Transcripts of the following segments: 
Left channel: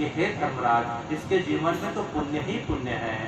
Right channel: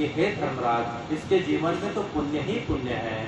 कि हे धर्मराज, इसके जीवन में तो पुण्य ही पुण्य है,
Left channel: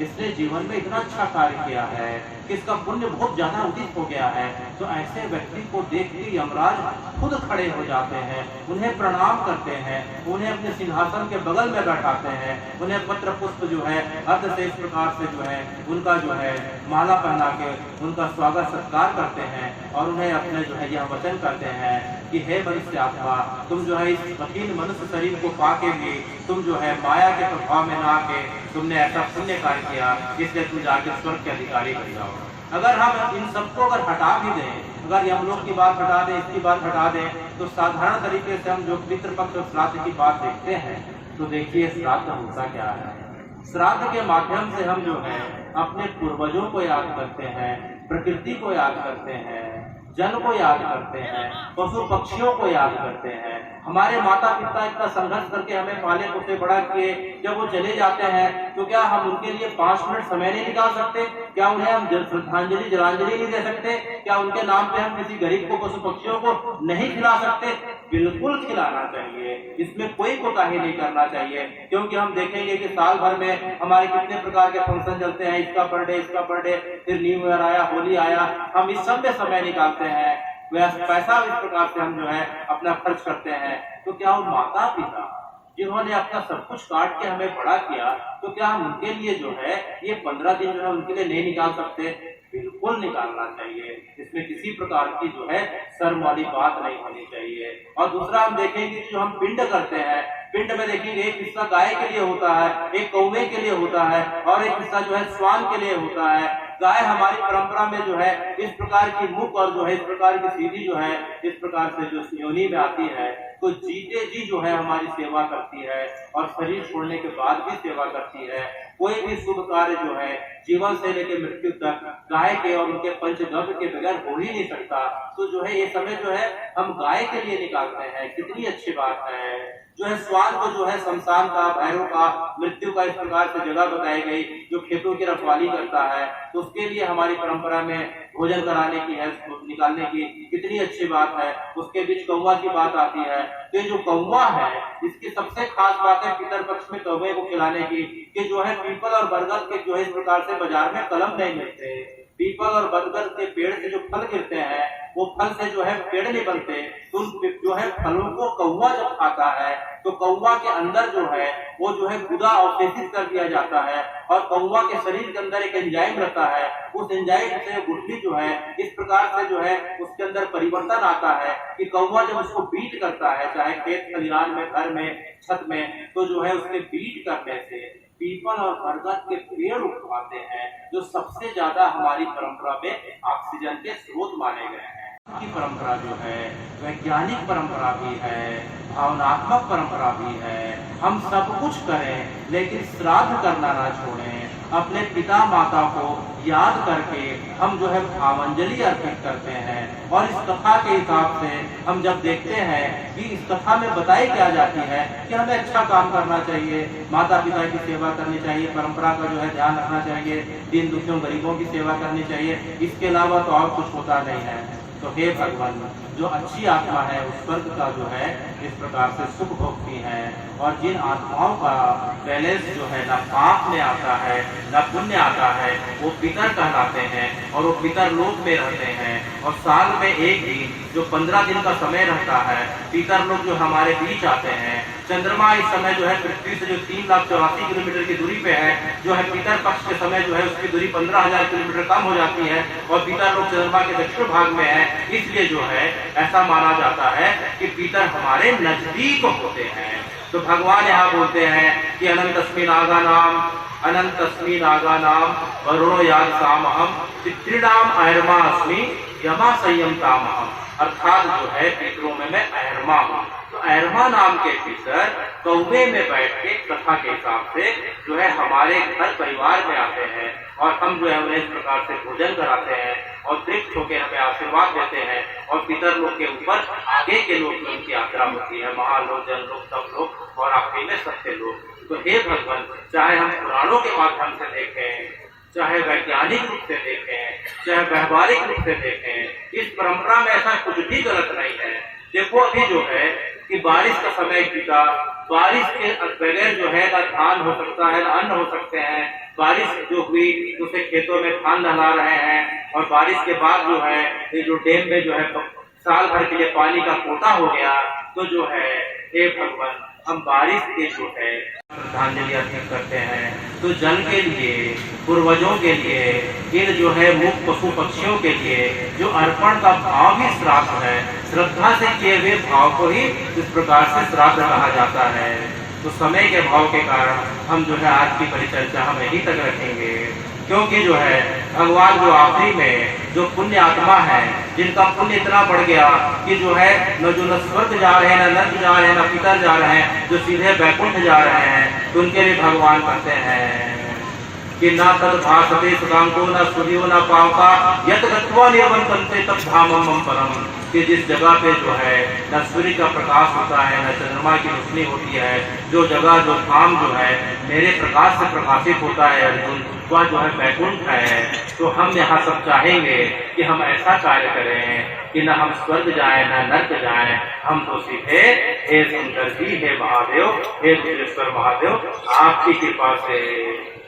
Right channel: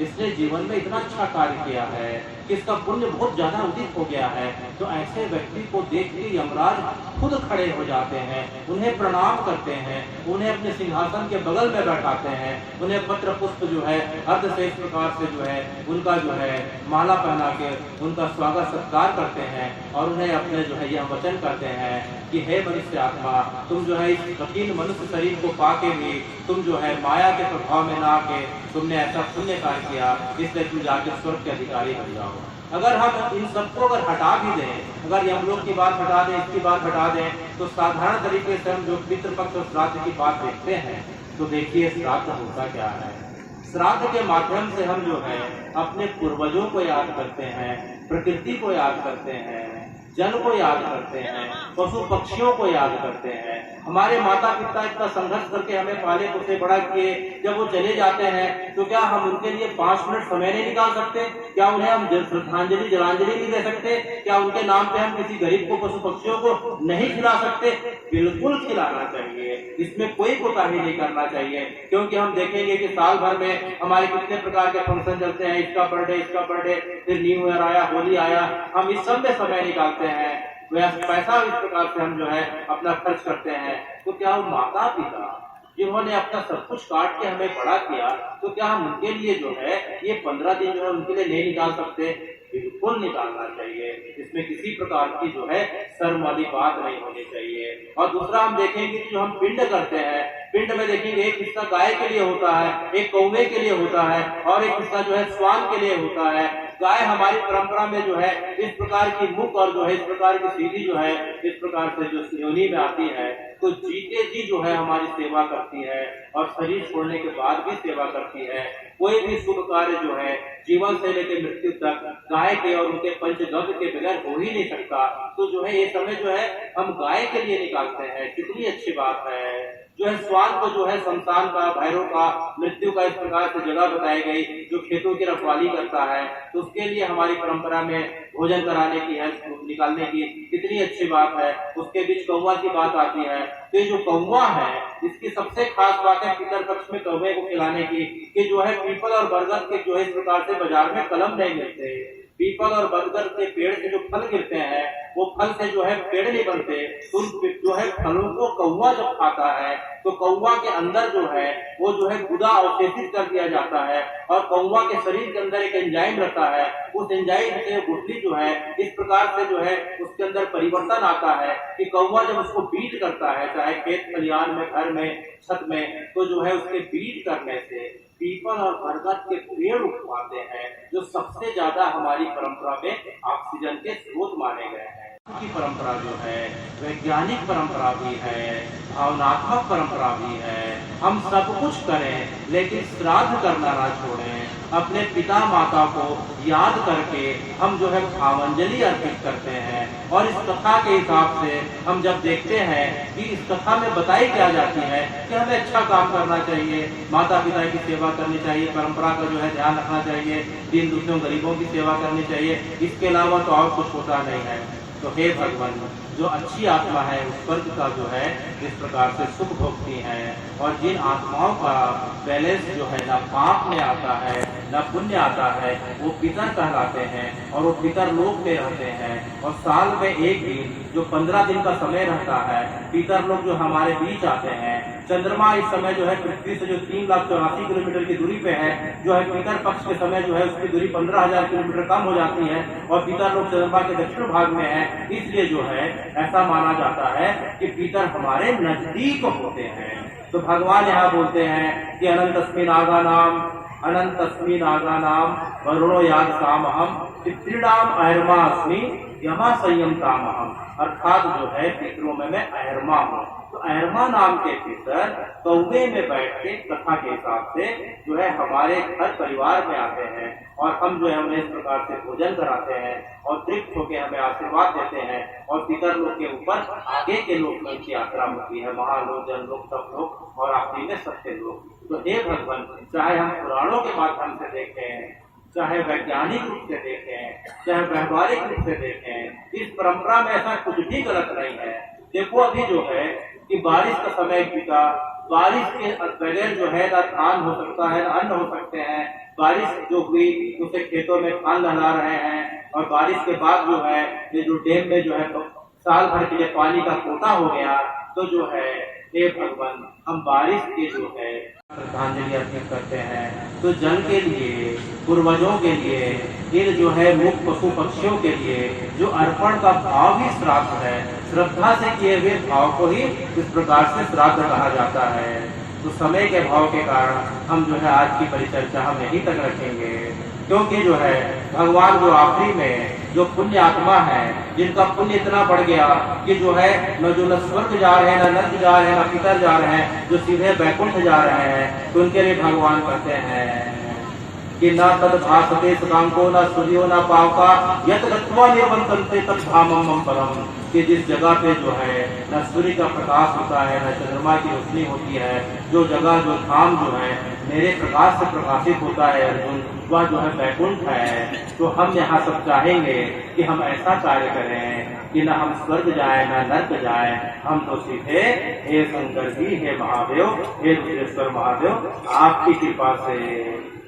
इसने जीवन में इतना अच्छा कार्य किया है कि इसका पुण्य बहुत ज्यादा उदित हो गया है। तो ऐसे व्यक्ति को देख के यमराज खुद खड़े हो जाते हैं, उन्हें प्रणाम करते हैं, उन्हें अपने सिंहासन के बगल में बैठाते हैं, उन्हें पत्र पुष्प जो है अर्ध से इस प्रकार से जो है उनका जो है माला पहना के उनका स्वागत सत्कार करते हैं और उन्हें अपने जो है यह वचन करते हैं कि हे मनुष्य आत्मा, तुम जो है इस कठिन मनुष्य शरीर को पाके भी तुम जो है माया के प्रभाव में ना के तुमने ऐसा पुण्य कार्य किया, इसलिए तुम जाके स्वर्ग के अधिकारी बन जाओ। अगर हम इन सबको अगर हटा भी दें, अगर हम लोग की बात हटा दें, इसकी बात हटा दें, तो साधारण तरीके से हम जो पितृपक्ष और श्राद्ध की बात देखते हैं, तो देखिए श्राद्ध होता क्या है। श्राद्ध के माध्यम से हम जो है अपने पूर्वजों को याद करते हैं, प्रकृति को याद करते हैं, जल को याद करते हैं, पशु पक्षियों को याद करते हैं। हमारे माता पिता इतना संघर्ष करके हमें पाले पोसे बड़ा किए, जब वो चले जाते हैं तो क्या हम उनके लिए 5 मिनट समय नहीं निकाल सकते? क्या उन्हें हम श्रद्धांजलि जलांजलि नहीं दे सकते? क्या उनके नाम पे हम किसी गरीब को, पशु पक्षियों को नहीं खिला सकते? बिल्कुल खिलाना चाहिए, इसमें कोई कोताही नहीं करना चाहिए, क्योंकि हम देखेंगे कि साल भर में हमारे कितने प्रकार के फंक्शन चलते हैं, इसका बर्थडे, फिर न्यू ईयर आया, होली आया, हम इस सब में समय निकालते हैं, पैसा इस प्रकार से हम जो है अपना खर्च करते हैं। तो क्या वो माता पिता जिन्होंने अपना सब कुछ काट के हमें बड़ा किया, तो क्या हम उनके लिए जो है ये 15 दिन जो है उनके लिए नहीं निकाल सकते? बिल्कुल निकालना चाहिए, इसमें किसी प्रकार की जो है शर्म वाली बात नहीं होनी चाहिए। और दूसरा हम देखेंगे कि जो हम पिंड करते हैं, पिंड में देखेंगे एक हिस्सा गाय के लिए होता है, एक कौवे के लिए होता है और एक हिस्सा जो है श्वान के लिए होता है। गाय हमारी परंपरा में जो है इस प्रकार की मुख और जो है इस प्रकार की सीधी जो है इस प्रकार से जो योनि में आती है, तो जीते जी जो है हमारी सेवा करती है और शरीर छोड़ने के बाद भी सेवा करती है। कोई भी शुभ कार्य जो है जीवन से लेकर मृत्यु तक गाय के और उनके पंचगव्य के बगैर हो ही नहीं सकता। तो जो है ये समय जो है हम गाय के लिए निकालते हैं, कितनी अच्छी बात है। जो है श्वान को जो है शमशान का, भैरव का, मृत्यु का इस प्रकार से जगह बताई गई, जो खेतों की रखवाली करता है, तो उसके लिए हमारी परंपरा में भोजन कराने की है, निकालने की कितनी अच्छी बात है। उसके बीच कौवा की बात आती है, तो ये जो कौवा है इसकी सबसे खास बात है पितर पक्ष में कौवे को खिलाने की, कि जो है पीपल और बरगद के जो है इस प्रकार से बाजार में कलम नहीं मिलते। पीपल और बरगद के पेड़ से जो फल गिरते हैं वो फल से जो है पेड़ नहीं बनते, तो जो है फलों को कौवा जब खाता है तो कौवा के अंदर जो है वो जो है गुदा अवशेषित कर दिया जाता है और कौवा के शरीर के अंदर एक एंजाइम रहता है, उस एंजाइम से गुठली जो है इस प्रकार से जो है उसके अंदर परिवर्तन आता है कि कौवा जब उसको बीट करता है, चाहे खेत खलिहान में, घर में, छत में, तो जो है उसके बीट करने से पीपल और बरगद के पेड़ उगवाते हैं, जो सबसे ज्यादा हमारी परंपरा में ऑक्सीजन के स्रोत माने गए हैं। की परंपरा जो है वैज्ञानिक परंपरा भी है, भावनात्मक परंपरा भी है। हम सब कुछ करें लेकिन श्राद्ध करना ना छोड़ें। अपने पिता माता को याद करके हम जो है भावांजलि अर्पित करते हैं। और इस कथा के हिसाब से हम जब देखते हैं कि इस कथा में बताई क्या जाती है कि हमें अच्छा काम करना चाहिए, माता पिता की सेवा करनी चाहिए, परंपरा का जो है ध्यान रखना चाहिए, दीन दुखियों गरीबों की सेवा करनी चाहिए, इसके अलावा तो और कुछ होता नहीं है। तो हे भगवान, जो अच्छी आत्मा है उस स्वर्ग का जो है इस प्रकार से सुख भोगती है, और जिन आत्माओं का बैलेंस जो है ना पाप में आता है ना पुण्य आता है, वो पितर कहलाते हैं और वो पितर लोक में रहते हैं। और साल में एक दिन जो 15 दिन का समय रहता है, पितर लोग जो हमारे बीच आते हैं। चंद्रमा इस समय जो है पृथ्वी से जो 3,84,000 किलोमीटर की दूरी पे है, जो है पितर पक्ष के समय जो है उसकी दूरी 15,000 किलोमीटर कम हो जाती है और पितर लोग चंद्रमा के दक्षिण भाग में है। इसलिए जो है ऐसा माना जाता है कि पितर हमारे नजदीक होते हैं। तो भगवान यहाँ बोलते हैं कि अनंतस्मिन् आगानाम, अनंतस्मिन् आगानाम वरुणो याग सामहम पितृणाम अहरमा अस्मि यमा संयमतामहम। अर्थात जो है पितरों में मैं अहरमा हूँ। तो अहरमा नाम के पितर कौवे में बैठ के कथा के हिसाब से जो है हमारे घर परिवार में आते हैं और हम जो है उन्हें इस प्रकार से भोजन कराते हैं और तृप्त होकर हमें आशीर्वाद देते हैं। और पितर लोग के ऊपर आगे के लोग में उनकी यात्रा होती है, महालोक, जनलोक, तपलोक और आखिरी में सत्य लोग। तो हे भगवान, चाहे हम पुराणों के माध्यम से देखें, चाहे वैज्ञानिक रूप से देखें, चाहे व्यवहारिक रूप से देखें, इस परंपरा में ऐसा कुछ भी गलत नहीं है। देखो अभी जो है कि बारिश का समय बीता, बारिश के बगैर जो है ना धान हो सकता है, ना अन्न हो सकते हैं। बारिश जो हुई उसे खेतों में धान लहला रहे हैं, और बारिश के बाद जो है ये जो डैम में जो है साल भर के लिए पानी का कोटा हो गया। तो जो है हे भगवान, हम बारिश के जो है श्रद्धांजलि अर्पित करते हैं। तो जल के लिए, पूर्वजों के लिए, इन जो है मुक्त पशु पक्षियों के लिए जो अर्पण का भाव ही श्राद्ध है। श्रद्धा से किए हुए भाव को ही इस प्रकार से श्राद्ध कहा जाता है। तो समय के भाव के कारण हम जो है आज की परिचर्चा हम यहीं तक रखेंगे, क्योंकि जो है भगवान जो आखिरी में जो पुण्य आत्मा है, जिनका पुण्य इतना बढ़ गया कि जो है न स्वर्ग जा रहे हैं, न नर्क जा रहे हैं, न पितर जा रहे हैं, जो सीधे वैकुंठ जा रहे हैं, तो उनके लिए भगवान कहते हैं कि न तद भासते सुकांको न सूर्यो न पावका यत गत्वा निर्वंतन्ते तब धामम मम परम। कि जिस जगह पे जो है न सूर्य का प्रकाश होता है, न चंद्रमा की रोशनी होती है, जो जगह जो धाम जो है मेरे प्रकाश से प्रकाशित होता है अर्जुन, वह जो है वैकुंठ है। तो हम यहाँ सब चाहेंगे कि हम ऐसा कार्य करें कि न हम स्वर्ग जाएं, न नर्क जाएं, हम तो सीधे हे शंकर जी, हे महादेव, हे रुद्रेश्वर महादेव, आपकी कृपा से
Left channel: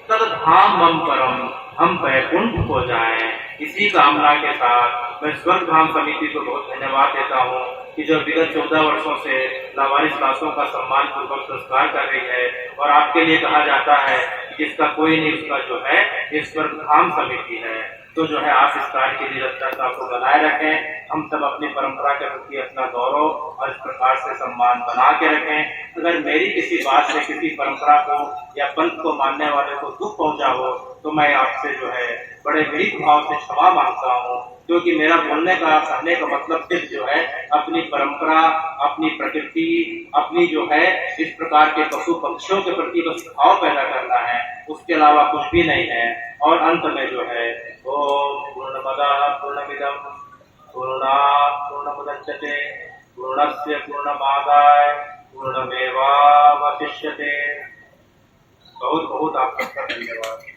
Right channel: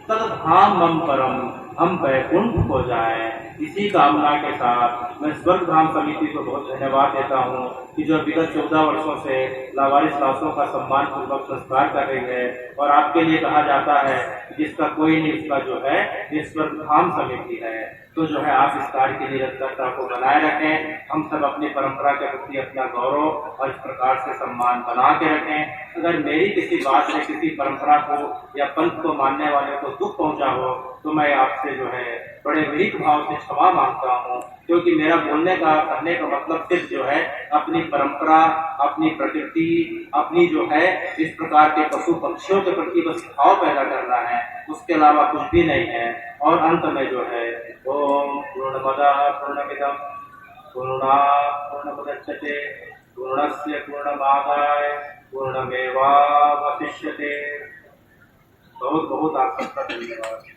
तद धाम मम परम, हम वैकुंठ को जाएं। इसी कामना के साथ मैं स्वर्ग धाम समिति को बहुत धन्यवाद देता हूँ कि जो विगत 14 वर्षों से लावारिस लाशों का सम्मान पूर्वक संस्कार कर रही है। और आपके लिए कहा जाता है कि जिसका कोई नहीं उसका जो है ये स्वर्ग धाम समिति है। तो जो है आप इस कार्य की निरंतरता को बनाए रखें। हम सब अपनी परंपरा के प्रति अपना गौरव और इस प्रकार से सम्मान बना के रखें। अगर मेरी किसी बात से किसी परंपरा को या पंथ को मानने वाले को दुख पहुंचा हो तो मैं आपसे जो है बड़े विनीत भाव से क्षमा मांगता हूँ, क्योंकि मेरा बोलने का कहने का मतलब सिर्फ जो है अपनी परंपरा, अपनी प्रकृति, अपनी जो है इस प्रकार के पशु पक्षियों के प्रति बस भाव पैदा करना है, उसके अलावा कुछ भी नहीं है। और अंत में जो है ओम पूर्णमदः पूर्णमिदं पूर्णात् पूर्णमुदच्यते पूर्णस्य पूर्णमादाय पूर्णमेवावशिष्यते। बहुत बहुत आप सबका धन्यवाद।